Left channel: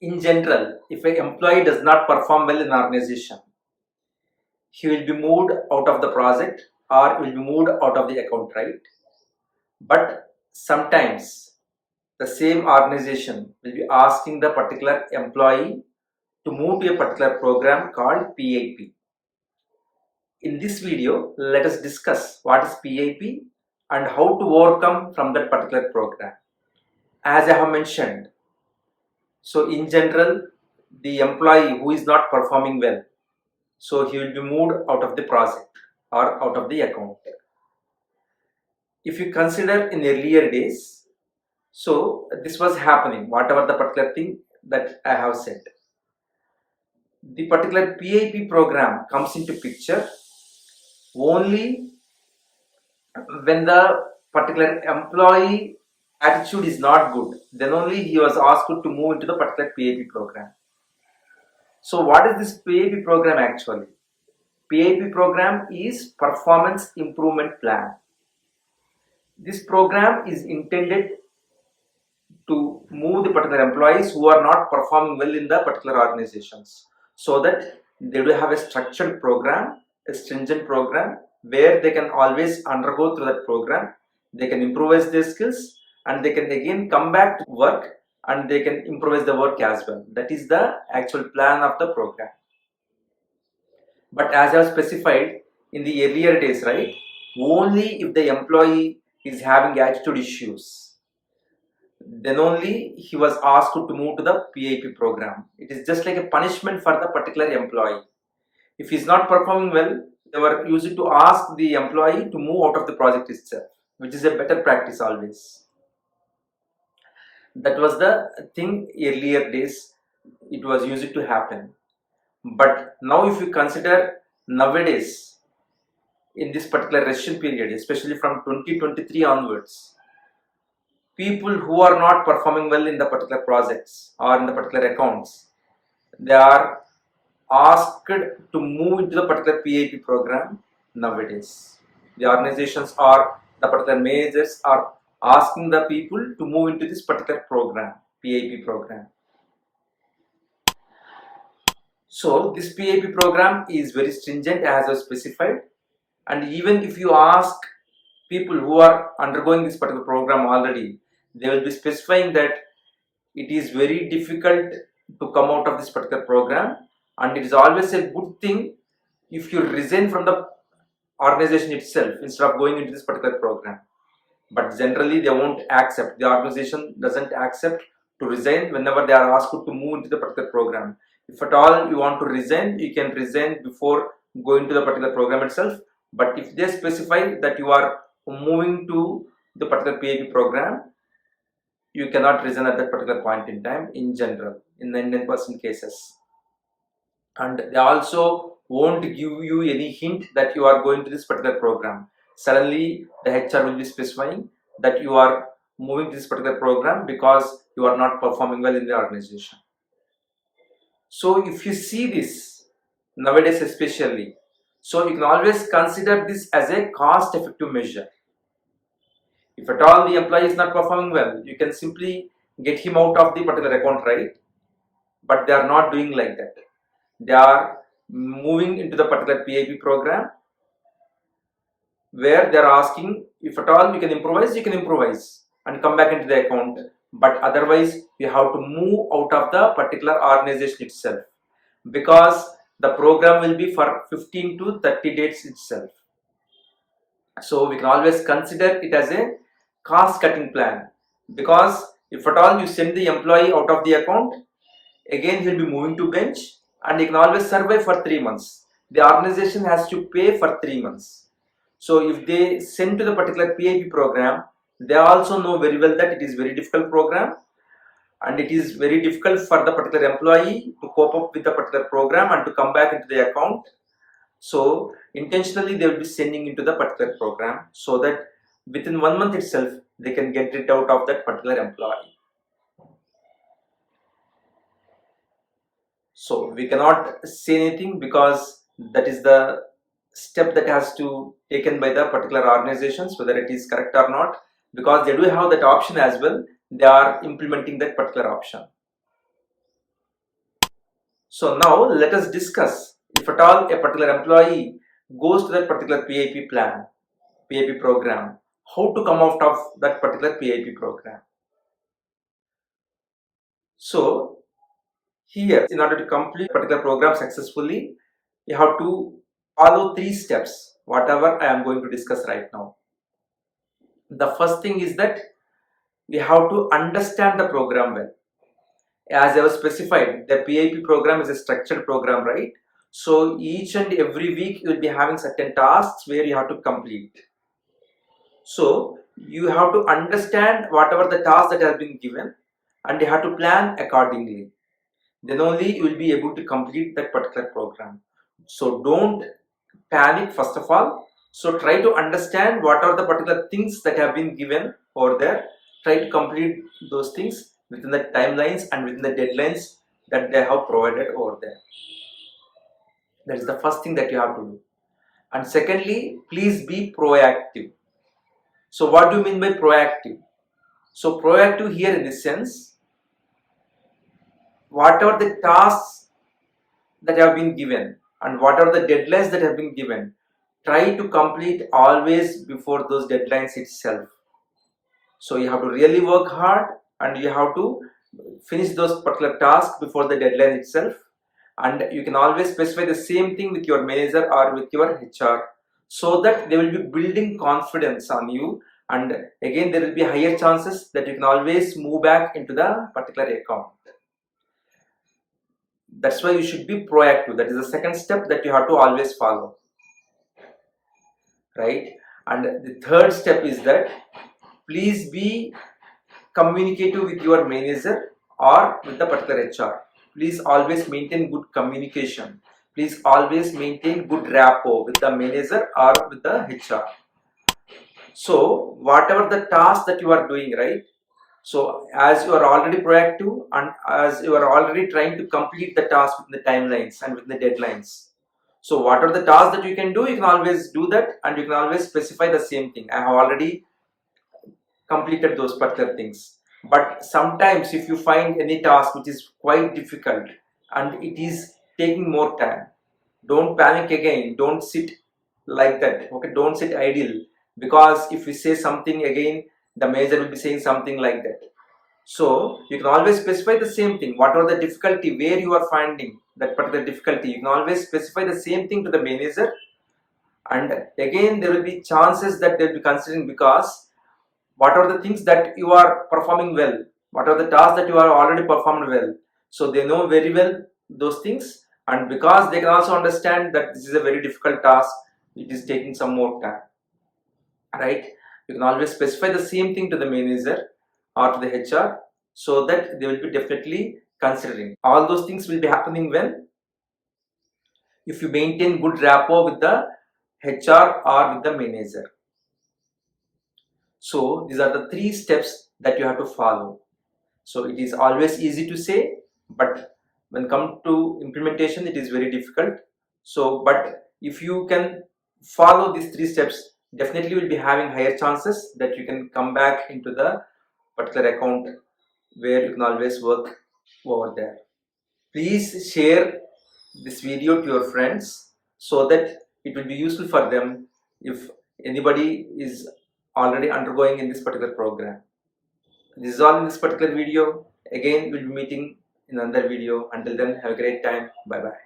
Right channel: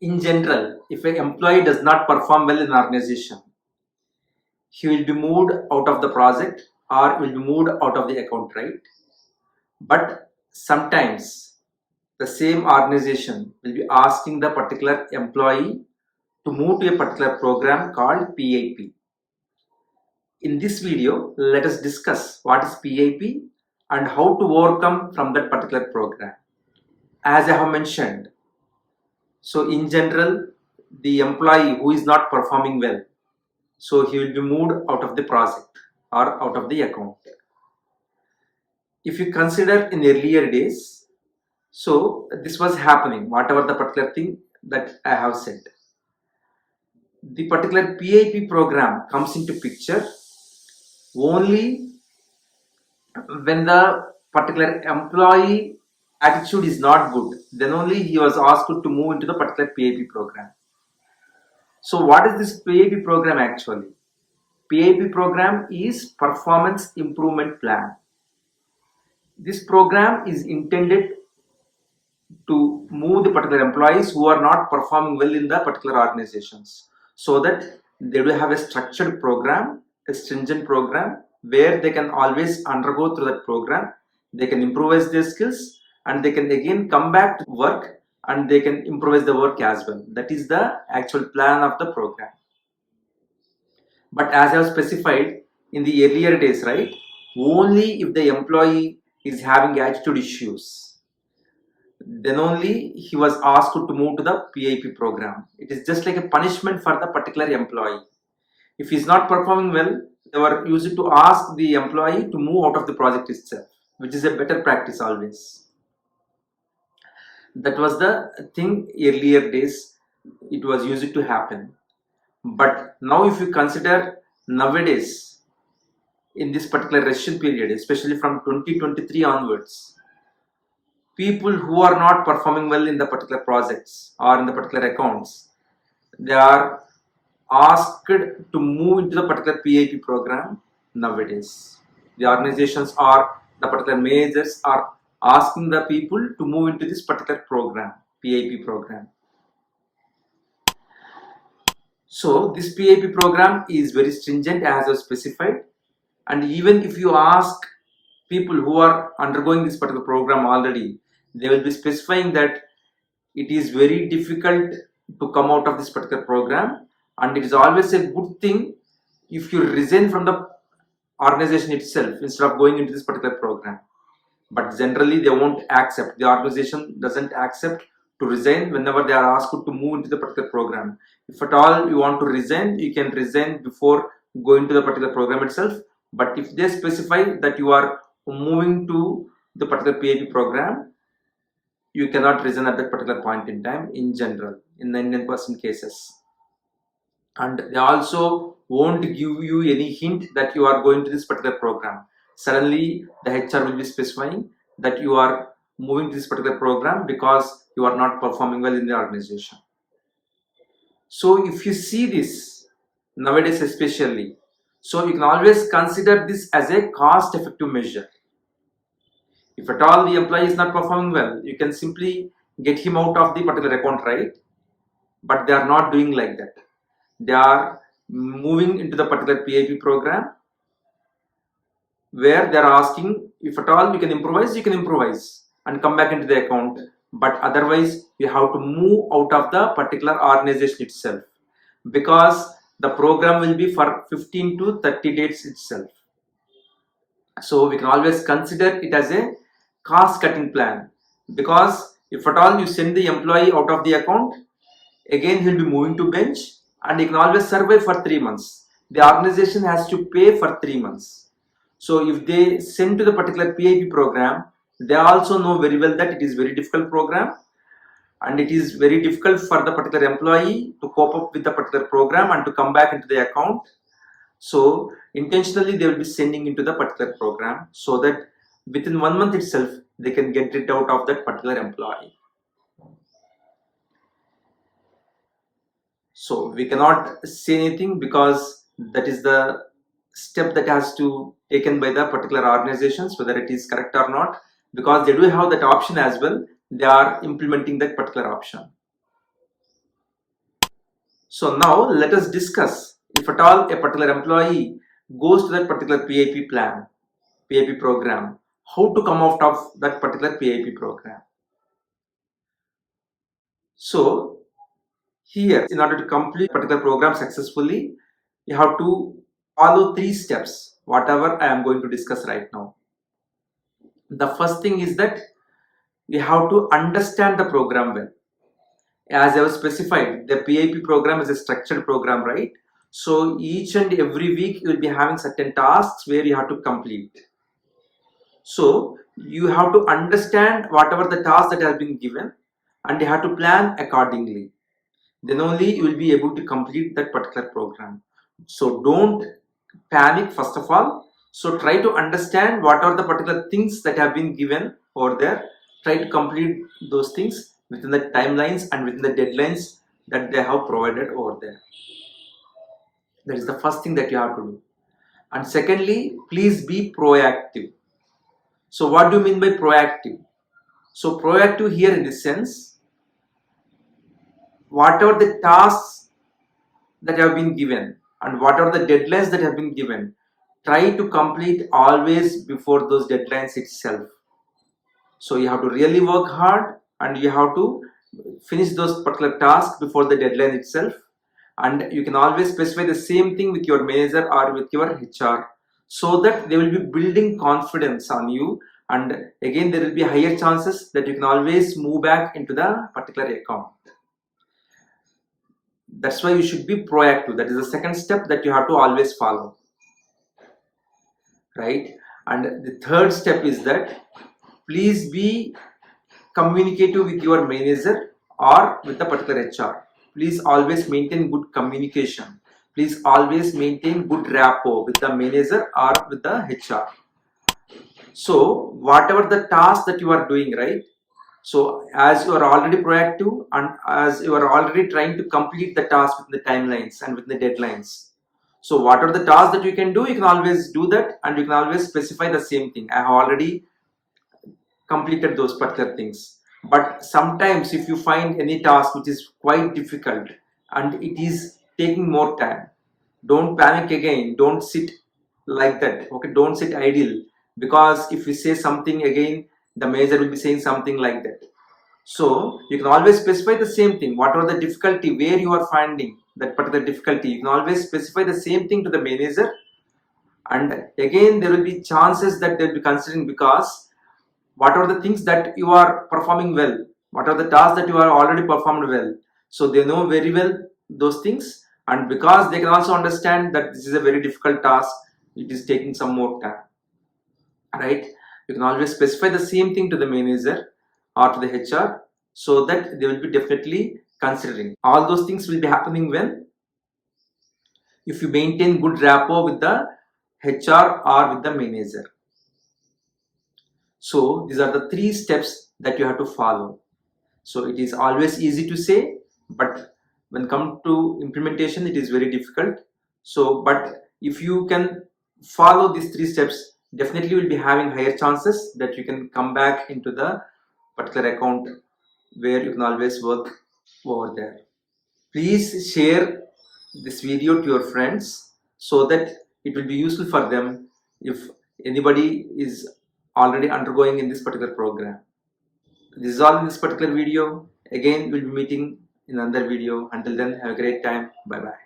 In general, if an employee does not perform well in an organization, he will be moved out of the project or will be moved out of the account, right? But sometimes the same organization will be asking the particular employee to move to a particular program called PIP. In this video, let us discuss what is PIP and how to overcome from that particular program. As I have mentioned, so in general, the employee who is not performing well, so he will be moved out of the project or out of the account. If you consider in earlier days, so this was happening, whatever the particular thing that I have said. The particular PIP program comes into picture only when the particular employee attitude is not good. Then only he was asked to move into the particular PIP program. So what is this PIP program actually? PIP program is Performance Improvement Plan. This program is intended to move the particular employees who are not performing well in the particular organizations, so that they do have a structured program, a stringent program where they can always undergo through that program. They can improvise their skills and they can again come back to work and they can improvise the work as well. That is the actual plan of the program. But as I have specified in the earlier days, right, only if the employee is having attitude issues, then only he was asked to move to the PIP program. It is just like a punishment for the particular employee. If he is not performing well, they were used to ask the employee to move out of the project itself, which is a better practice always. That was the thing earlier days, it was used to happen. But now if you consider nowadays, in this particular recession period, especially from 2023 onwards, people who are not performing well in the particular projects or in the particular accounts, they are asked to move into the particular PIP program nowadays. The organizations or the particular managers are asking the people to move into this particular program, PIP program. So this PIP program is very stringent as I specified, and even if you ask people who are undergoing this particular program already, they will be specifying that it is very difficult to come out of this particular program, and it is always a good thing if you resign from the organization itself instead of going into this particular program. But generally they won't accept, the organization doesn't accept to resign whenever they are asked to move into the particular program. If at all you want to resign, you can resign before going to the particular program itself. But if they specify that you are moving to the particular PIP program, you cannot resign at that particular point in time in general, in 99% cases. And they also won't give you any hint that you are going to this particular program. Suddenly the HR will be specifying that you are moving to this particular program because you are not performing well in the organization. So if you see this nowadays especially, so you can always consider this as a cost effective measure. If at all the employee is not performing well, you can simply get him out of the particular account, right? But they are not doing like that. They are moving into the particular PIP program where they are asking, if at all you can improvise and come back into the account. But otherwise you have to move out of the particular organization itself, because the program will be for 15 to 30 days itself. So we can always consider it as a cost cutting plan, because if at all you send the employee out of the account, again he will be moving to bench and he can always survive for 3 months. The organization has to pay for 3 months. So if they send to the particular PIP program, they also know very well that it is very difficult program and it is very difficult for the particular employee to cope up with the particular program and to come back into the account. So intentionally they will be sending into the particular program so that within 1 month itself they can get rid out of that particular employee. So we cannot say anything, because that is the step that has to taken by the particular organizations, whether it is correct or not, because they do have that option as well. They are implementing that particular option. So now let us discuss, if at all a particular employee goes to that particular PIP plan, PIP program, how to come out of that particular PIP program. So here, in order to complete a particular program successfully, you have to follow 3 steps, whatever I am going to discuss right now. The first thing is that we have to understand the program well. As I was specified, the PIP program is a structured program, right? So each and every week you will be having certain tasks where you have to complete. So you have to understand whatever the task that has been given, and you have to plan accordingly. Then only you will be able to complete that particular program. So don't panic first of all. So try to understand what are the particular things that have been given over there. Try to complete those things within the timelines and within the deadlines that they have provided over there. That is the first thing that you have to do. And secondly, please be proactive. So what do you mean by proactive? So proactive here in this sense, whatever the tasks that have been given and what are the deadlines that have been given, try to complete always before those deadlines itself. So you have to really work hard and you have to finish those particular tasks before the deadline itself. And you can always specify the same thing with your manager or with your HR, so that they will be building confidence on you, and again there will be higher chances that you can always move back into the particular account. That's why you should be proactive. That is the second step that you have to always follow, right? And the third step is that please be communicative with your manager or with the particular HR. Please always maintain good communication. Please always maintain good rapport with the manager or with the HR. So whatever the task that you are doing, right? So as you are already proactive and as you are already trying to complete the task within the timelines and within the deadlines. So what are the tasks that you can do? You can always do that, and you can always specify the same thing. I have already completed those particular things. But sometimes if you find any task which is quite difficult and it is taking more time, don't panic again. Don't sit like that. Okay, don't sit idle, because if you say something again, the manager will be saying something like that. So you can always specify the same thing. What are the difficulty, where you are finding that particular difficulty, you can always specify the same thing to the manager. And again there will be chances that they'll be considering, because what are the things that you are performing well, what are the tasks that you are already performed well. So they know very well those things, and because they can also understand that this is a very difficult task, it is taking some more time, right? You can always specify the same thing to the manager or to the HR, so that they will be definitely considering. All those things will be happening when, if you maintain good rapport with the HR or with the manager. So these are the 3 steps that you have to follow. So it is always easy to say, but when come to implementation, it is very difficult. So, but if you can follow these 3 steps, definitely will be having higher chances that you can come back into the particular account where you can always work over there. Please share this video to your friends so that it will be useful for them if anybody is already undergoing in this particular program. This is all in this particular video. Again, we'll be meeting in another video. Until then, have a great time. Bye bye.